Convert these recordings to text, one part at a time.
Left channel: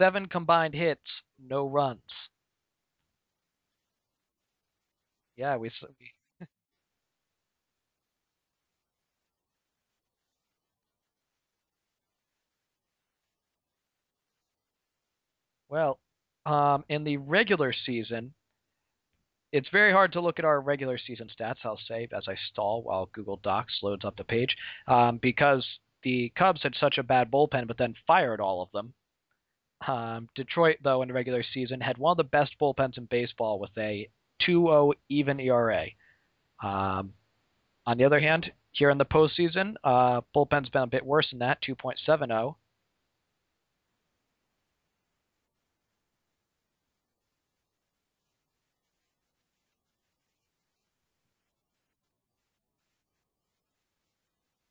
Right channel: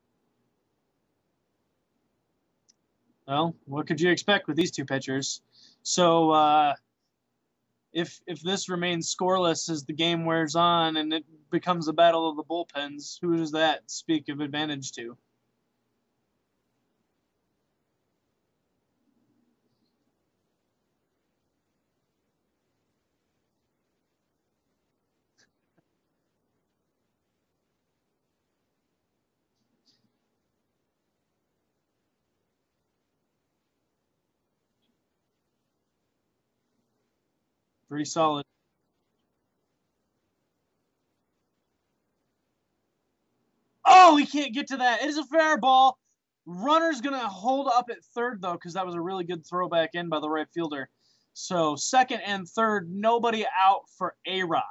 7 combined hits, no runs. Well, what could you expect with these two pitchers? Yeah, So if this remains scoreless as the game wears on and it becomes a battle of the bullpens, who does that speak of advantage to? Well, in the regular season, it's very hard to look at our regular season stats, I'll say, as I stall while Google Docs loads up the page, because the Cubs had such a bad bullpen but then fired all of them. Detroit, though, in the regular season, had one of the best bullpens in baseball with a 2.0 even ERA. On the other hand, here in the postseason, bullpen's been a bit worse than that, 2.70. Oh, he can't get to that. It is a fair ball. Runner's going to hold up at third, though, because that was a really good throwback in by the right fielder. So second and third, nobody out for A-Rod.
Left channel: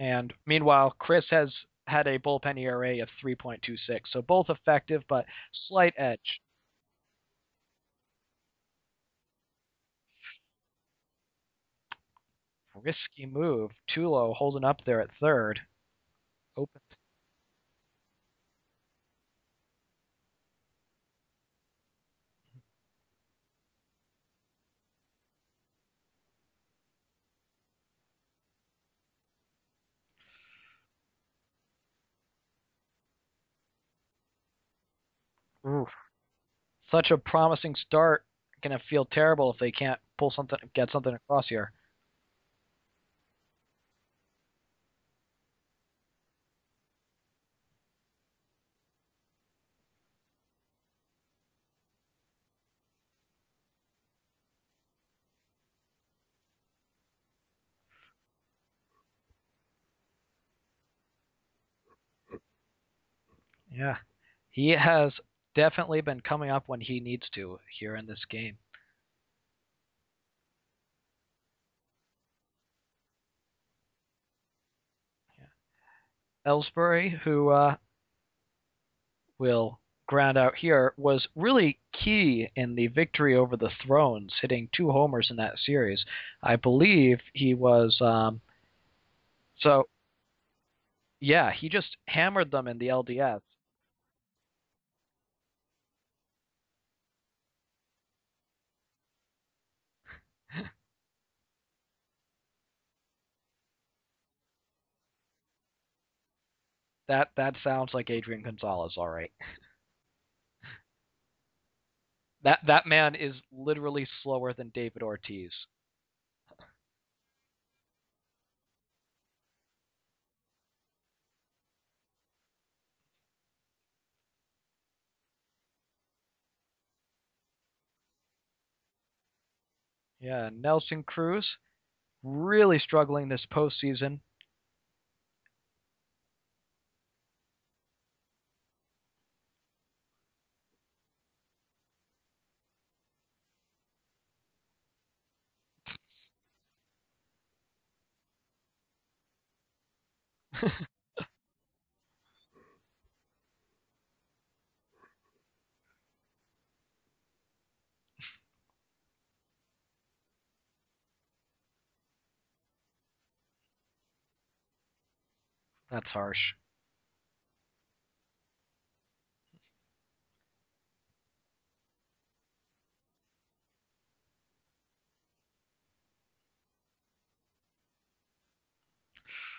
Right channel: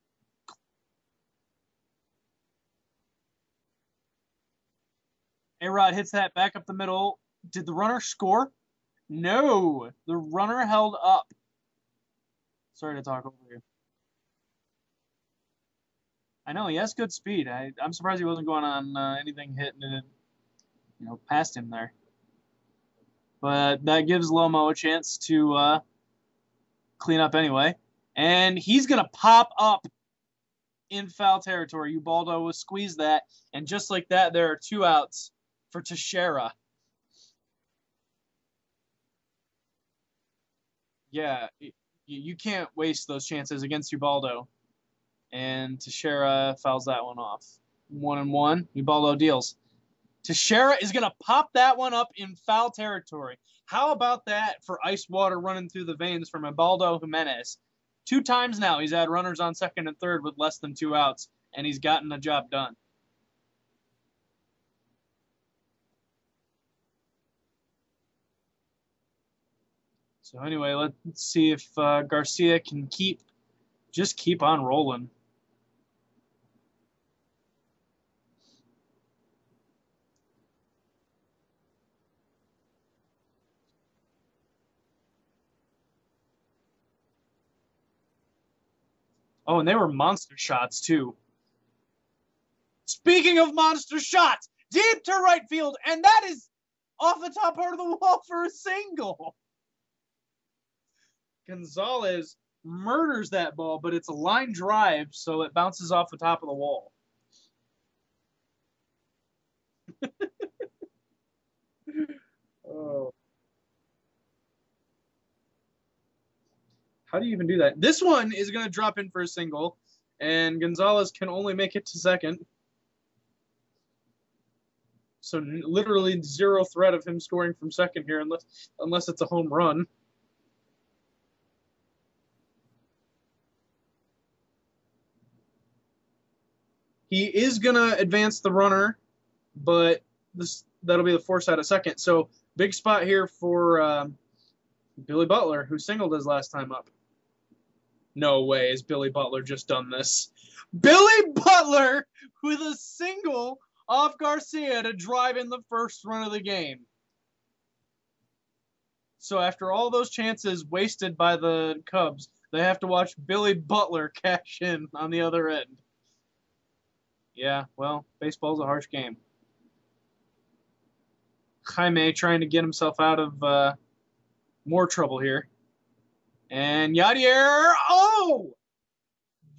And meanwhile, Chris has had a bullpen ERA of 3.26, so both effective, but A-Rod hits that back up the middle. Did the runner score? No. The runner held up. Risky move. Tulo holding up there at third. I know, he has good speed. I'm surprised he wasn't going on anything hitting it, past him there. But that gives Lomo a chance to clean up anyway. And he's going to pop up in foul territory. Ubaldo will squeeze that. And just like that, there are 2 outs for Teixeira. Such a promising start. Going to feel terrible if they can't get something across here. You can't waste those chances against Ubaldo. And Teixeira fouls that one off. 1-1. Ubaldo deals. Teixeira is going to pop that one up in foul territory. How about that for ice water running through the veins from Ubaldo Jimenez? 2 times now he's had runners on second and third with less than 2 outs, and he's gotten the job done. Yeah, he has definitely been coming up when he needs to here in this game. So anyway, let's see if Garcia can keep on rolling. Yeah. Ellsbury, who will ground out here, was really key in the victory over the Thrones, hitting 2 homers in that series. I believe he was... they were monster shots, too. Yeah, he just hammered them in the LDS. Speaking of monster shots, deep to right field, and that is off the top part of the wall for a single. Gonzalez murders that ball, but it's a line drive, so it bounces off the top of the wall. That sounds like Adrian Gonzalez, all right. That man is literally slower than David Ortiz. How do you even do that? This one is going to drop in for a single, and Gonzalez can only make it to second. So literally 0 threat of him scoring from second here, unless it's a home run. Yeah, Nelson Cruz really struggling this postseason. He is going to advance the runner, but that'll be the force out of second. So big spot here for Billy Butler, who singled his last time up. No way has Billy Butler just done this. Billy Butler with a single off Garcia to drive in the first run of the game. So after all those chances wasted by the Cubs, they have to watch Billy Butler cash in on the other end. That's harsh. Yeah, well, baseball's a harsh game. Jaime trying to get himself out of more trouble here. And Yadier,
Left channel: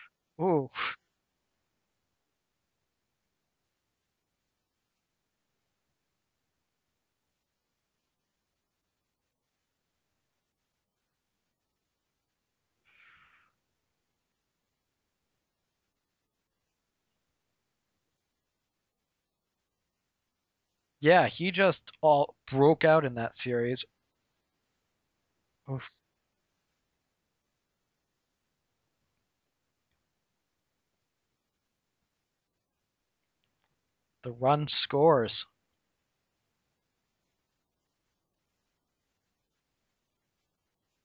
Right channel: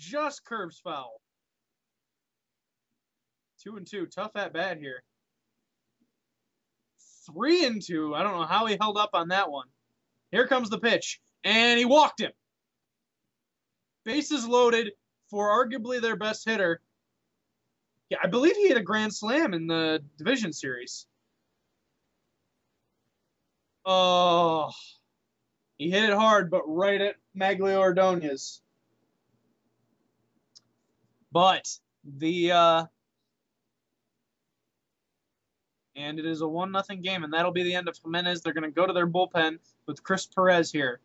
just curve foul. 2-2, tough at bat here. 3-2, I don't know how he held up on that one. Here comes the pitch, and he walked him. Bases loaded for arguably their best hitter. Yeah, I believe he hit a grand slam in the division series. Yeah, he just all broke out in that series. Oh, he hit it hard, but right at Maglio Ordonez. But the run scores. And it is a 1-0 game, and that'll be the end of Jimenez. They're going to go to their bullpen with Chris Perez here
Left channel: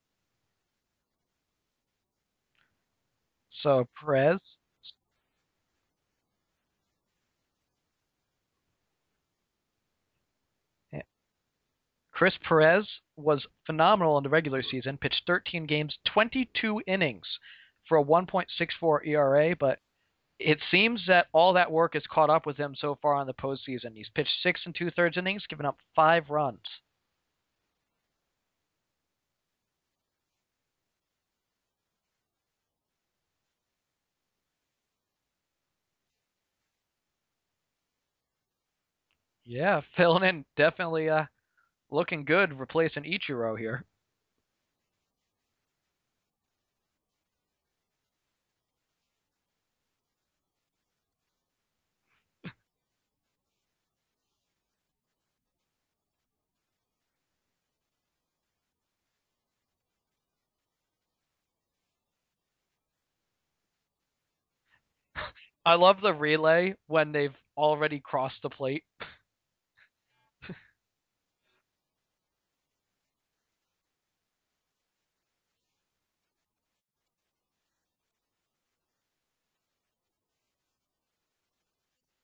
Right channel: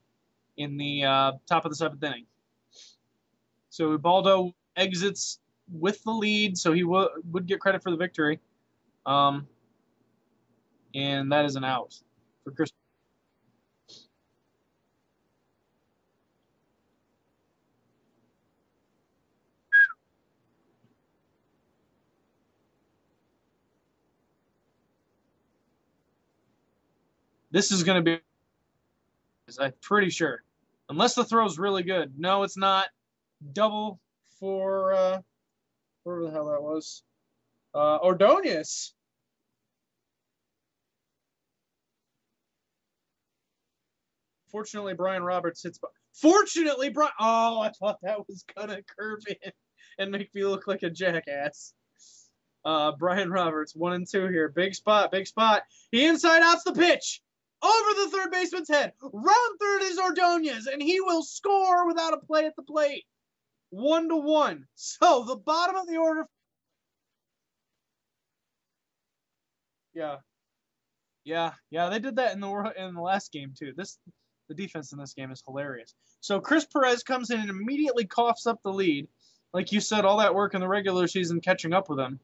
in the top of the 7th inning. So Ubaldo exits with the lead, so he would get credit for the victory. And that is an out. Chris Perez was phenomenal in the regular season, pitched 13 games, 22 innings for a 1.64 ERA, but it seems that all that work has caught up with him so far in the postseason. He's pitched 6 2/3 innings, given up 5 runs. This is going to be, I'm pretty sure. Unless the throw's really good. No, it's not. Double for, whatever the hell that was. Ordonez. Yeah, filling in, definitely looking good, replacing Ichiro here. Fortunately, Brian Roberts hits. Fortunately, Brian. Oh, I thought that was gonna curve in and make me look like a jackass. Brian Roberts, 1-2 here. Big spot, big spot. He inside outs the pitch over the third baseman's head. Round third is Ordonez, and he will score without a play at the plate. 1-1. So the bottom. I love of the order... relay when they've already crossed the plate. Yeah. Yeah. They did that in the last game too. The defense in this game is hilarious. So Chris Perez comes in and immediately coughs up the lead. Like you said, all that work in the regular season catching up with him.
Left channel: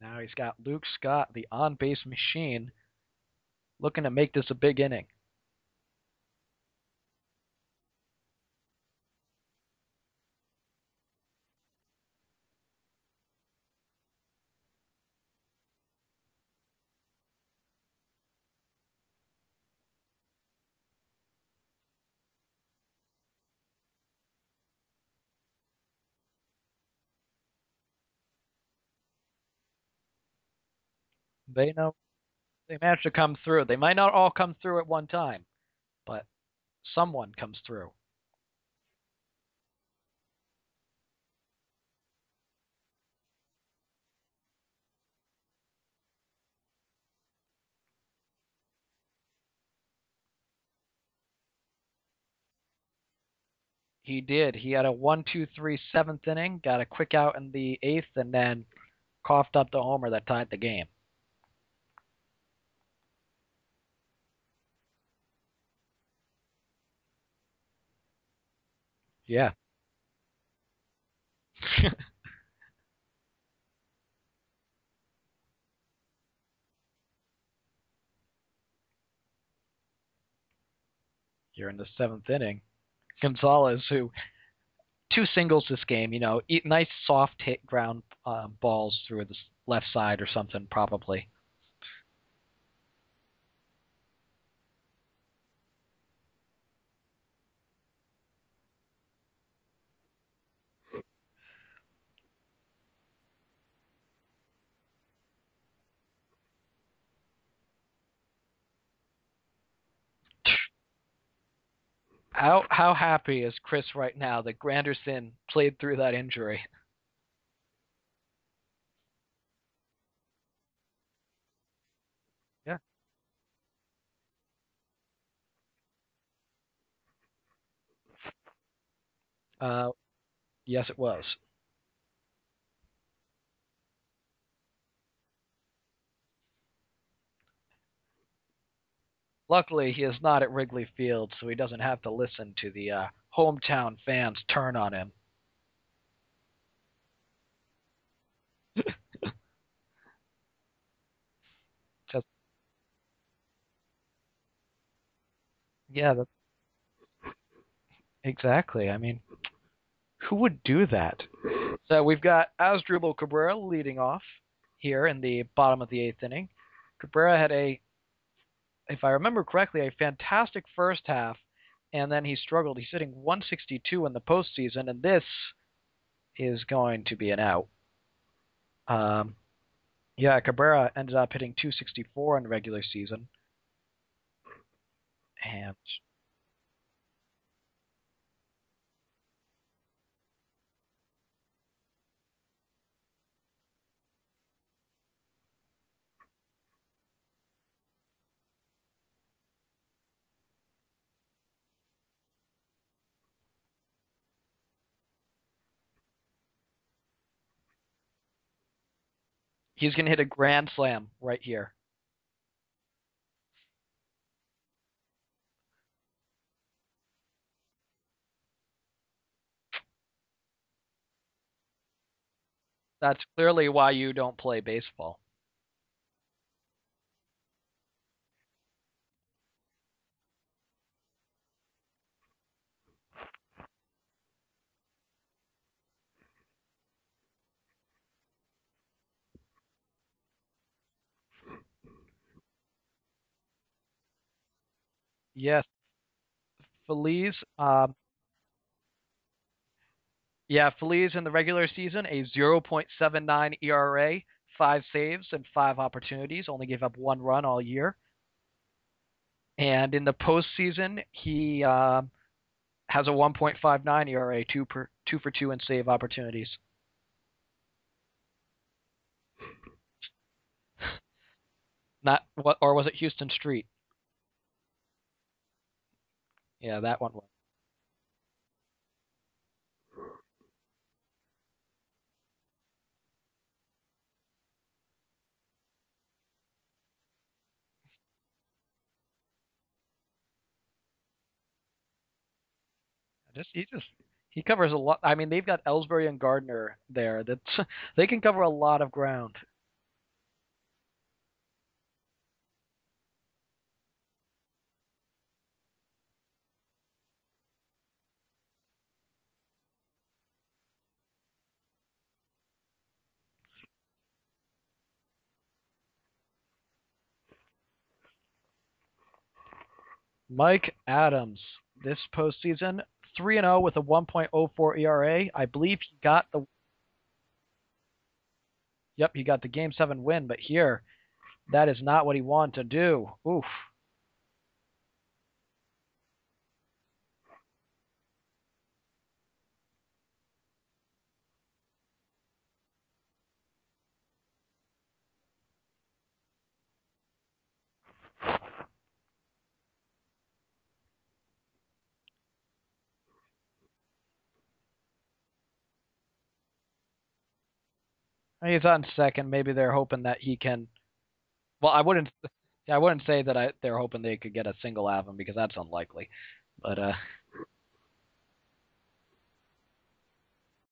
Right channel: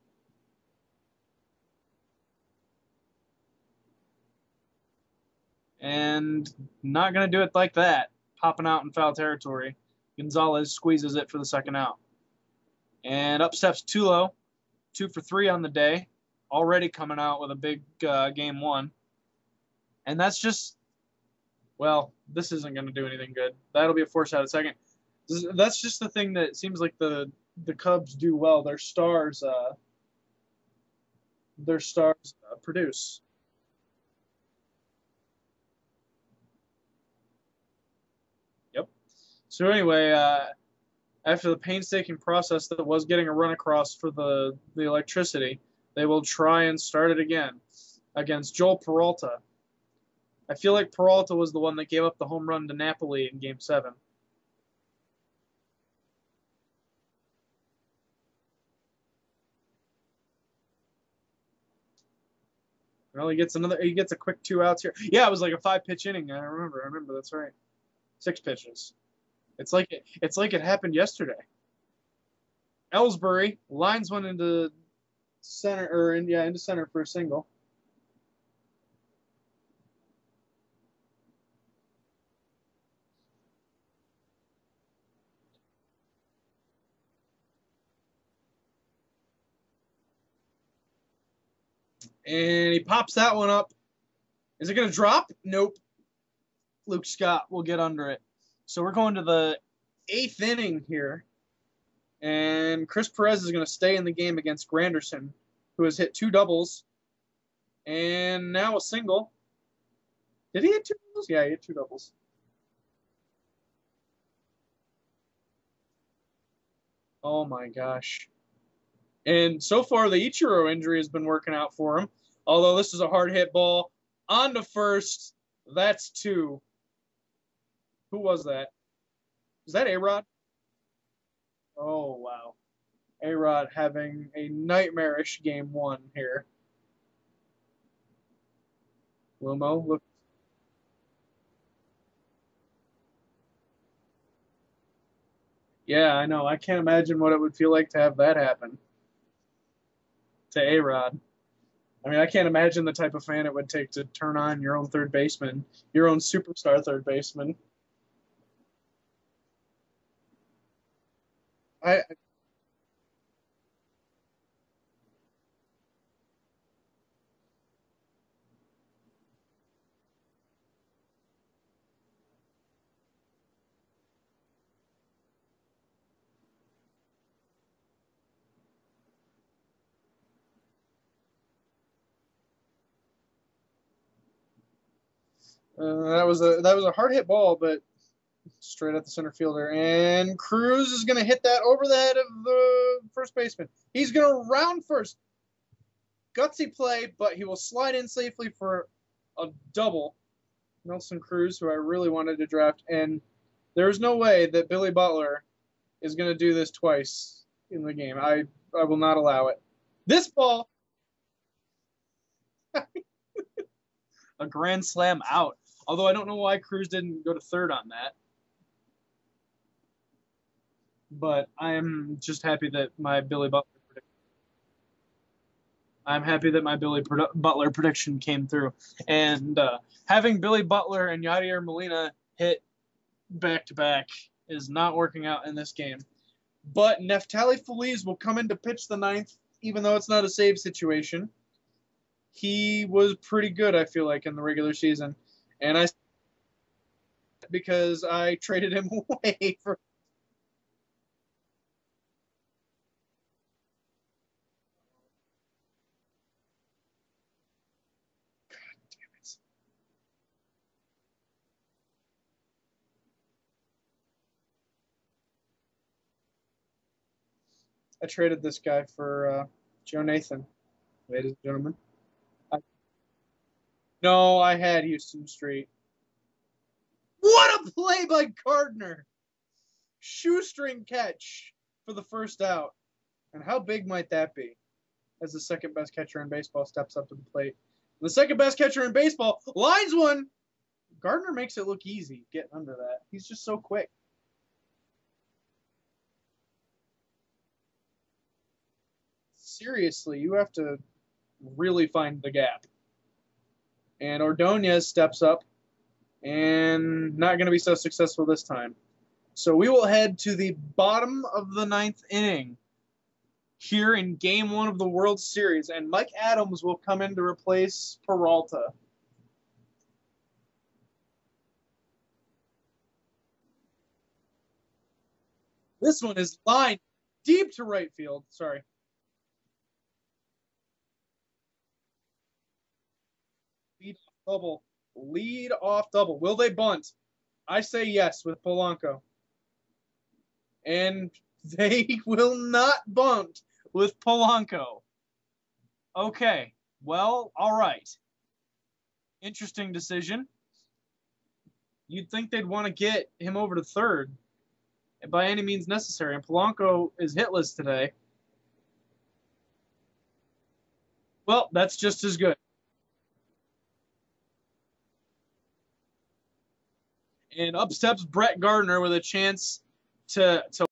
Now he's got Luke Scott, the on-base machine, looking to make this a big inning. And not going to do it like that. Popping out in foul territory. Gonzalez squeezes it for the second out. And up steps Tulo, 2 for 3 on the day. Already coming out with a big game 1. And that's just, well, this isn't going to do anything good. That'll be a force out at second. That's just the thing that seems like the Cubs do well. Their stars produce. They manage to come through. They might not all come through at one time, but someone comes through. Yep. So anyway, after the painstaking process that was getting a run across for the electricity, they will try and start it again against Joel Peralta. I feel like Peralta was the one that gave up the home run to Napoli in Game 7. He did. He had a 1-2-3 7th inning, got a quick out in the 8th, and then coughed up the homer that tied the game. Well, he gets a quick 2 outs here. Yeah, it was like a 5-pitch inning. I remember. That's right. 6 pitches. Yeah. It's like it happened yesterday. Ellsbury lines one into center into center for a single. You're in the 7th inning. Gonzalez, who 2 singles this game, nice soft hit ground balls through the left side or something, probably. And he pops that one up. Is it going to drop? Nope. Luke Scott will get under it. So we're going to the 8th inning here. And Chris Perez is going to stay in the game against Granderson, who has hit 2 doubles. And now a single. Did he hit 2 doubles? Yeah, he hit 2 doubles. How happy is Chris right now that Granderson played through that injury? Oh, my gosh. And so far, the Ichiro injury has been working out for him. Although this is a hard hit ball. On to first. That's 2. Who was that? Is that A-Rod? Yes, it was. Oh, wow. A-Rod having a nightmarish game 1 here. Luckily, he is not at Wrigley Field, so he doesn't have to listen to the hometown fans turn on him. Yeah, I know. I can't imagine what it would feel like to have that happen to A-Rod. I mean, I can't imagine the type of fan it would take to turn on your own third baseman, your own superstar third baseman. Exactly. I mean, who would do that? We've got Asdrubal Cabrera leading off here in the bottom of the 8th inning. Cabrera had if I remember correctly, a fantastic first half, and then he struggled. He's hitting 162 in the postseason, and this is going to be an out. Cabrera ended up hitting 264 in the regular season. And that was a hard hit ball, but straight at the center fielder. And Cruz is going to hit that over the head of the first baseman. He's going to round first. Gutsy play, but he will slide in safely for a double. Nelson Cruz, who I really wanted to draft. And there's no way that Billy Butler is going to do this twice in the game. I will not allow it. He's going to hit a grand slam right here. A grand slam out. Although I don't know why Cruz didn't go to third on that. But I'm just happy that that's clearly why you don't play baseball. I'm happy that my Billy Butler prediction came through. And having Billy Butler and Yadier Molina hit back-to-back is not working out in this game. But Neftali Feliz will come in to pitch the ninth, even though it's not a save situation. He was pretty good, I feel like, in the regular season. Yes. And I Feliz. because I traded him away for. Yeah, Feliz in the regular season, a 0.79 ERA, 5 saves, and 5 opportunities. Only gave up 1 run all year. And in the postseason, he has a 1.59 ERA, 2 for 2 in save opportunities. I traded this guy for Joe Nathan, ladies and gentlemen. Not what, or was it Houston Street? No, I had Houston Street. Yeah, that one. What a play by Gardner! Shoestring catch for the first out. And how big might that be? As the second best catcher in baseball steps up to the plate. The second best catcher in baseball lines one. Gardner makes it look easy getting under that. He's just so quick. He covers a lot. I mean, they've got Ellsbury and Gardner there. That's they can cover a lot of ground. Seriously, you have to really find the gap. And Ordonez steps up and not going to be so successful this time. So we will head to the bottom of the ninth inning here in Game 1 of the World Series, and Mike Adams will come in to replace Peralta. Mike Adams, this postseason, 3-0 with a 1.04 ERA. I believe this one is line deep to right field. Sorry. Yep, he got the Game 7 win, but here, that is not what he wanted to do. Oof. Lead off double. Will they bunt? I say yes with Polanco. And they will not bunt with Polanco. Okay. Well, all right. Interesting decision. You'd think they'd want to get him over to third by any means necessary. And Polanco is hitless today. He's on second. Maybe they're hoping that he can. Well, that's just as good. I wouldn't say that they're hoping they could get a single out of him because that's unlikely. But and up steps Brett Gardner with a chance to